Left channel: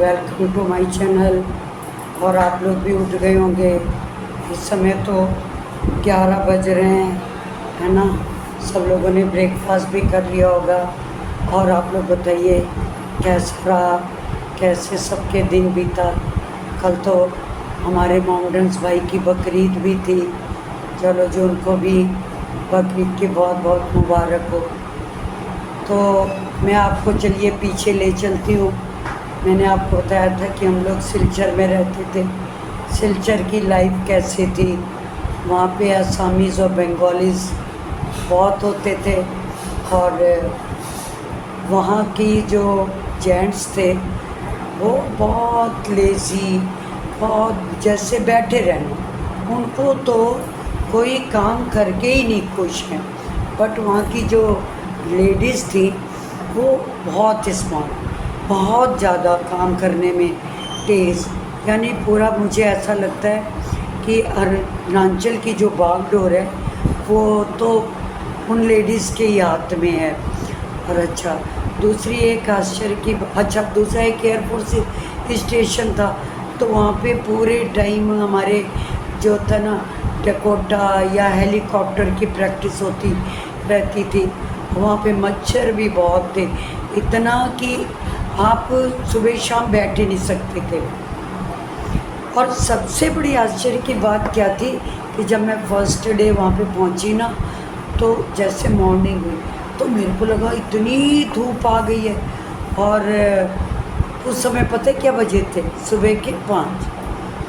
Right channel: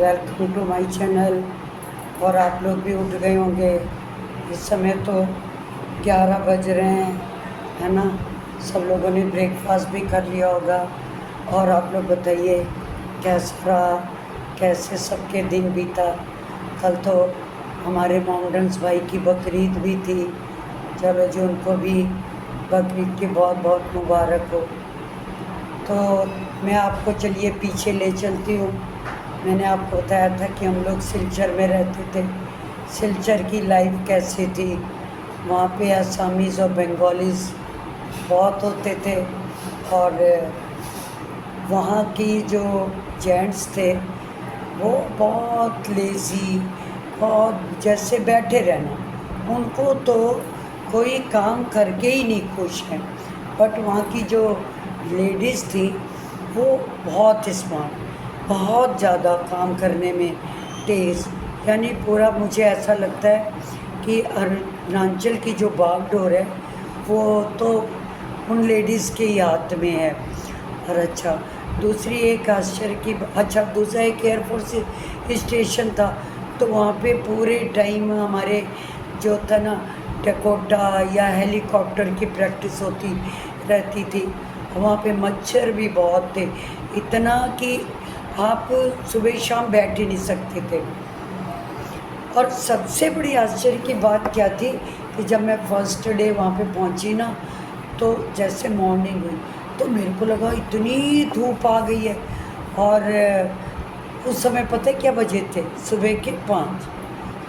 Welcome to my channel. और आप लोग भी उठ गए होंगे। इस समय तो 11 बज रहे हैं, है ना। सब लोगों ने ब्रेकफास्ट भी कर लिया होगा। और आप लोग बताइए कैसा रहा, कैसे सबके दिन बीता। कल तो हमारे माउंटेन्स भाई की बकरीद भी थी। चलो जो उनको भी बकरीद की बहुत बहुत मुबारक हो। तो मैं आपको चलिए पीछे ले चलती हूँ। मैंने आपको बताया था कि हम लोग सिलचर में रहते थे। सिलचर की लाइफ कैसी थी, वहाँ पे आसामीज़ और बंगालीज़ बहुत होते थे। और वहाँ की जो जेंट्स थे वो बहुत लेज़ी, बहुत जैसे बैठे रहना, उनको तो कोई काम करके ही नहीं खुश हैं। बट वहाँ की जो लेडीज़ थी वो बहुत स्मार्ट, बहुत ज़्यादा काम करने में तेज़। यानी पूरा मुझे ऐसा लगता है कि अरुणाचल की जो बागडोर है वो तो उन लेडीज़ के ही हाथ में है। और अच्छा, दूसरी एक आश्चर्य की अच्छा, दूसरा एक एयरपोर्ट से स्टेशन था, तो वहाँ पे पूरे टाइम हमारे जो था ना डकोटा या हेलीकॉप्टर की प्रैक्टिस होती रहती थी। वहाँ पे मच्छर भी बहुत थे, इतना कि आप सुबह शाम बैठ ही नहीं सकते थे। और सबसे बड़ी आश्चर्य की बात क्या थी कि जब मैं फर्स्ट डे वहाँ पे पहुँची ना, तो जैसे मॉर्निंग हुई तो मेरे को लगा इतनी धूप आ गई है। और उस समय पता है क्या बजे थे? सुबह के 5।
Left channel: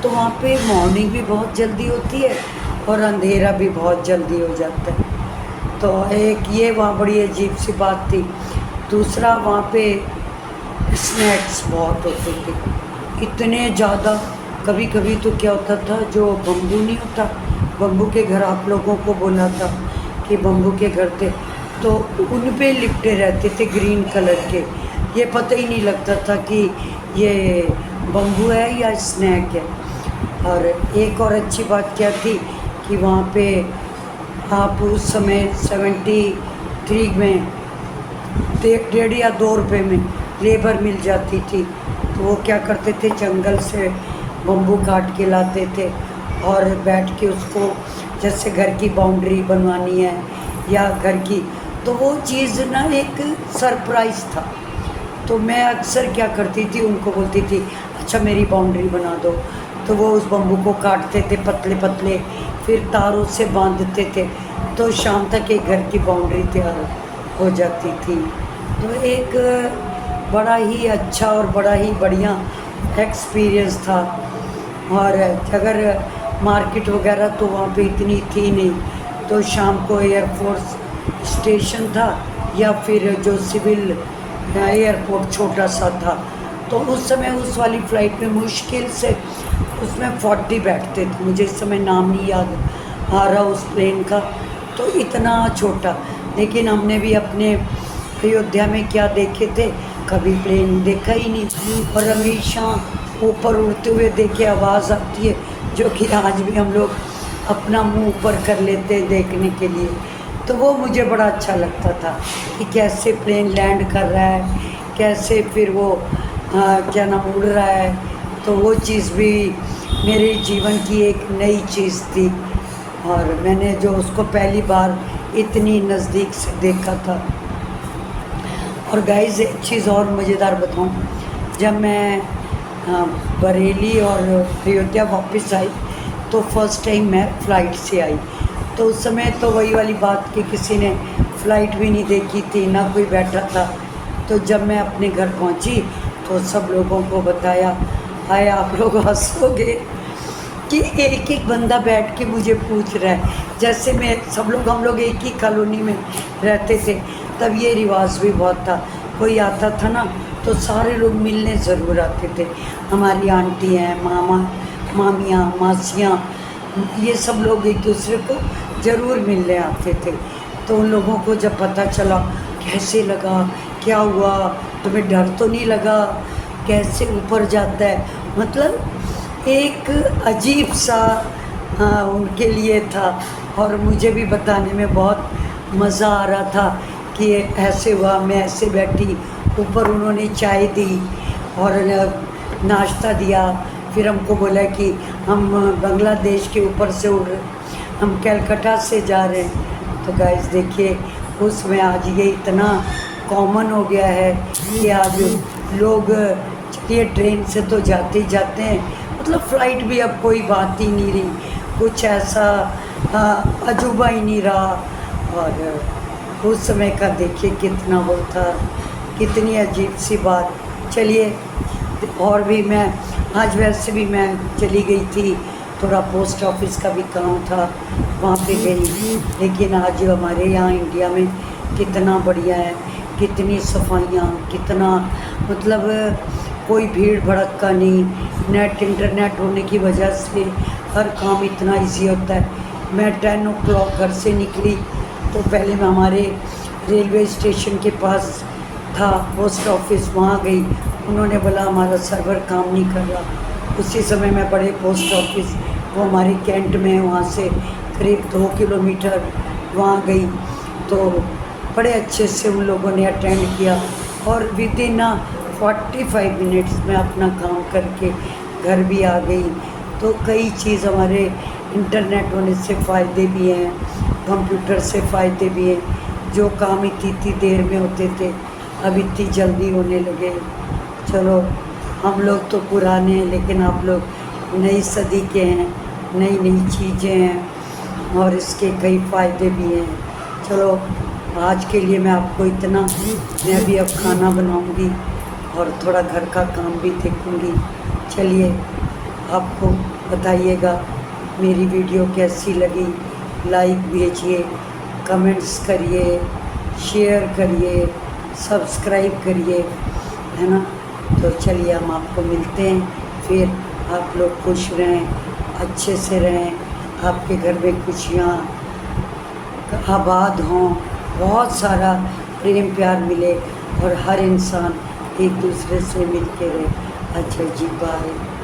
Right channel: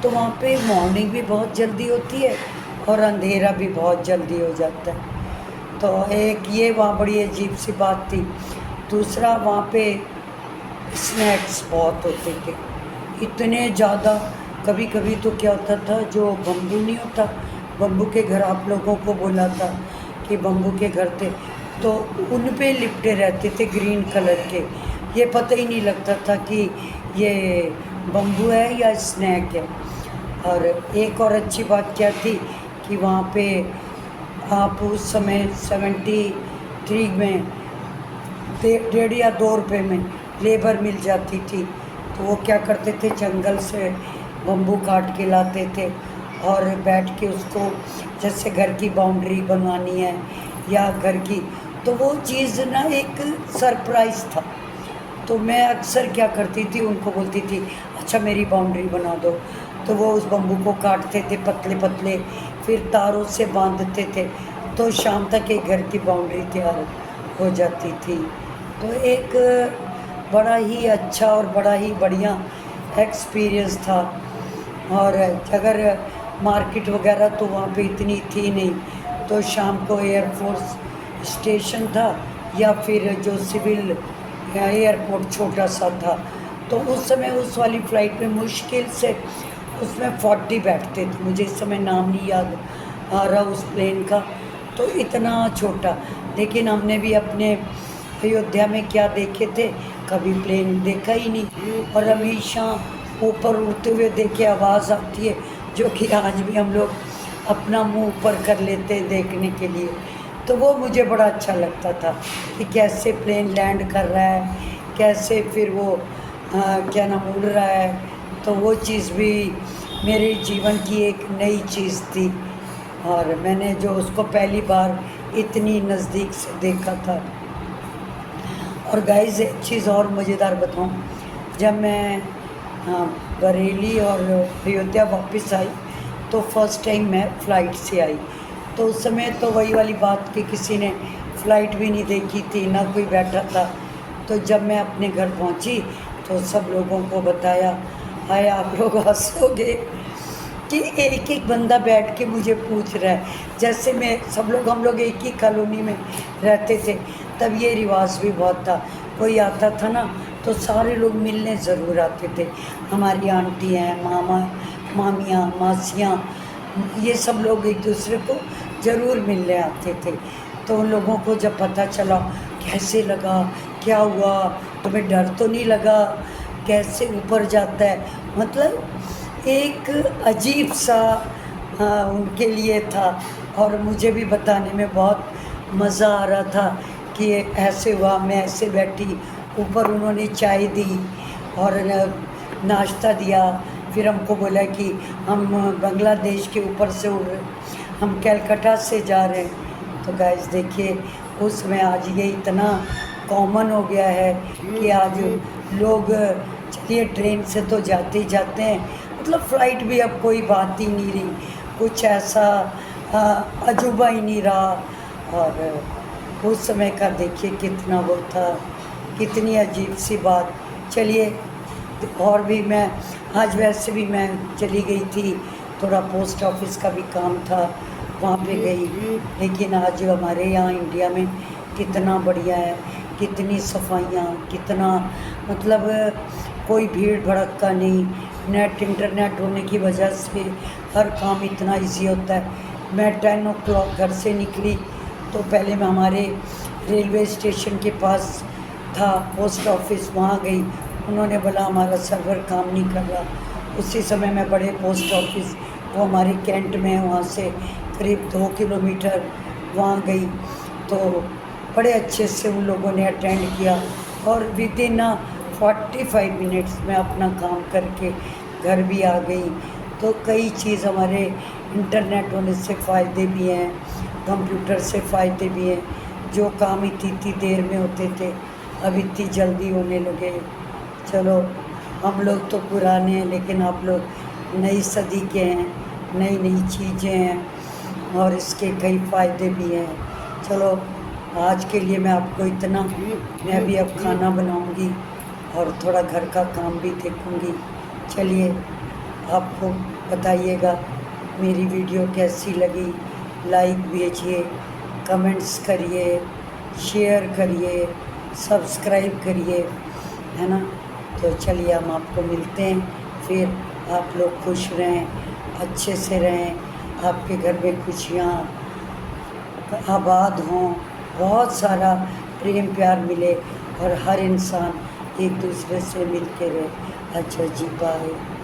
तो वहाँ पे मॉर्निंग भी बहुत जल्दी होती है और अंधेरा भी बहुत जल्दी हो जाता है। तो एक ये वहाँ बड़ी अजीब सी बात थी। दूसरा वहाँ पे स्नैक्स बहुत होते थे, इतने ज़्यादा। कभी कभी तो क्या होता था, जो बम्बू नहीं होता, बम्बू के घर आप लोगों को बोला था कि बम्बू के घर थे, तो उन पे लिपटे रहते थे ग्रीन कलर के। ये पता ही नहीं लगता था कि ये बम्बू है या स्नैक है। और एक और अच्छी बात क्या थी कि वहाँ पे आप उस समय 73 में 1.5 या 2 रुपये में लेबर मिल जाती थी। तो वो क्या करते थे, जंगल से बम्बू काट के लाते थे और बैठ के उसको, जैसे घर की बाउंड्री बनवानी है या घर की, तो वो चीज़ ना एक सरप्राइज़ था। तो मैं अक्सर क्या करती थी, उनको बोलती थी अच्छा मेरी बाउंड्री बना दो। तो वो उस बम्बू को काटते थे पतले पतले, फिर तारों से बांधते थे, तो शाम तक एक घर की बाउंड्री तैयार हो जाती थी। तो एक बड़ा ही अच्छा और बड़ा ही बढ़िया एक्सपीरियंस था। और अगर मार्केट वगैरह तो वहाँ पे इतनी थी नहीं, तो शाम को एयरफोर्स स्टेशन था या फिर जो सिविल एयरपोर्ट छोटा सा था, तो उस समय उस वाली फ़्लाइट में मुश्किल से उसमें 40 बैठते थे। मुझे इस समय नाम नहीं याद आ रहा उस प्लेन का, तो इतना छोटा। लेकिन हमने भी अपने अयोध्या में क्या देखे थे, कभी प्लेन देखा ही नहीं, और हमेशा ऊपर उड़ते हुए देखे आवाज़ आती है, जो कि आज भी हम लोग अपना मुंह ऊपर कर लेते हैं देखने के लिए। तो वो मुझे बड़ा अच्छा लगता था कि कैसे प्लेन लैंड कर रहा है, कैसे फिर वो क्या नाम उड़ रहा है। तो वो चीज़ भी मेरे जीवन की एक नई चीज़ थी, और मैंने जो उसको पहली बार इतनी नज़दीक से देखा था। और गाइस एक चीज़ और मज़ेदार बताऊं, जब मैं बरेली और अयोध्या वापस आई, तो फर्स्ट टाइम मैं फ़्लाइट से आई। तो उस समय तो वही वाली बात कि किसी ने फ़्लाइट भी नहीं देखी थी, ना कोई बैठा था। तो जब मैं अपने घर पहुंची तो सब लोगों को बताया, हाय आप लोग हंसोगे कि एक एक बंदा बैठ के मुझे पूछ रहा है, जैसे मैं हम लोग एक ही कॉलोनी में रहते थे। तब ये रिवाज भी बहुत था, कोई आता था ना तो सारे लोग मिलने ज़रूर आते थे। हमारी आंटी हैं, मामा मामियाँ, मासियाँ, ये सब लोग एक दूसरे को ज़रूर मिलने आते थे। तो उन लोगों को जब पता चला, कैसे लगा, क्या हुआ, तुम्हें डर तो नहीं लगा, कैसे ऊपर जाता है, मतलब एक अजीब सा उनके लिए था। और मुझे भी बताने में बहुत मज़ा आ रहा था कि ऐसे हुआ, मैं ऐसे बैठी, ऊपर उन्होंने चाय दी और नाश्ता दिया, फिर हमको बोला कि हम बांग्लादेश के ऊपर से उड़ रहे, हम कलकत्ता से जा रहे हैं। तो गाइस देखिए, उसमें आज ये इतना कॉमन हो गया है कि आज लोग चलिए ट्रेन से तो जाते ही जाते हैं, मतलब फ़्लाइट भी अब कोई बात ही नहीं रही, कुछ ऐसा अजूबा ही नहीं रहा। और उस समय का देखिए कितना होता, कितनी अजीब सी बात। चलिए, और भी मैं आज वैसे भी मैं चली गई थी, थोड़ा पोस्ट ऑफिस का भी काम था, वहाँ पे गई। लेकिन आज हमारे यहाँ इंडिया में कितना बढ़िया है, कितनी सफाइयाँ, कितना मतलब कोई भीड़ भड़क का नहीं। नेट इंटरनेट होने की वजह से हर काम इतना इजी होता है। मैं 10 o'clock घर से निकली तो पहले मैं हमारे रेलवे स्टेशन के पास था पोस्ट ऑफिस, वहाँ गई। उन्होंने बोला हमारा सर्वर काम नहीं कर रहा। उसी समय मैं बड़े पोस्ट ऑफिस, वो हमारे कैंट में है, वहाँ से करीब 2 किलोमीटर वहाँ गई। तो बड़े अच्छे से उन लोगों ने अटेंड किया और विद इन 45 मिनट्स में अपना काम करके घर भी आ गई। तो कई चीज़ हमारे इंटरनेट होने से फ़ायदे भी हैं, कंप्यूटर से फ़ायदे भी हैं। जो काम इतनी देर में होते थे अब इतनी जल्दी होने लगे। चलो, हम लोग तो पुराने हैं, लेकिन आप लोग नई सदी के हैं, नई नई चीज़ें हैं और इसके कई फ़ायदे भी हैं। चलो, आज के लिए मैं आपको इतना, मैं भी अब खाना बनाऊंगी और थोड़ा घर का काम भी देखूंगी। चलिए, आपको बताइएगा मेरी वीडियो कैसी लगी, लाइक भेजिए, कमेंट्स करिए, शेयर करिए, सब्सक्राइब करिए, है ना। तो चलिए, हम आपको मिलते हैं फिर। आप लोग खुश रहें, अच्छे से रहें, आपके घर में खुशियाँ आबाद हों, बहुत सारा प्रेम प्यार मिले और हर इंसान एक दूसरे से मिल के रहे। अच्छा जी, बाय।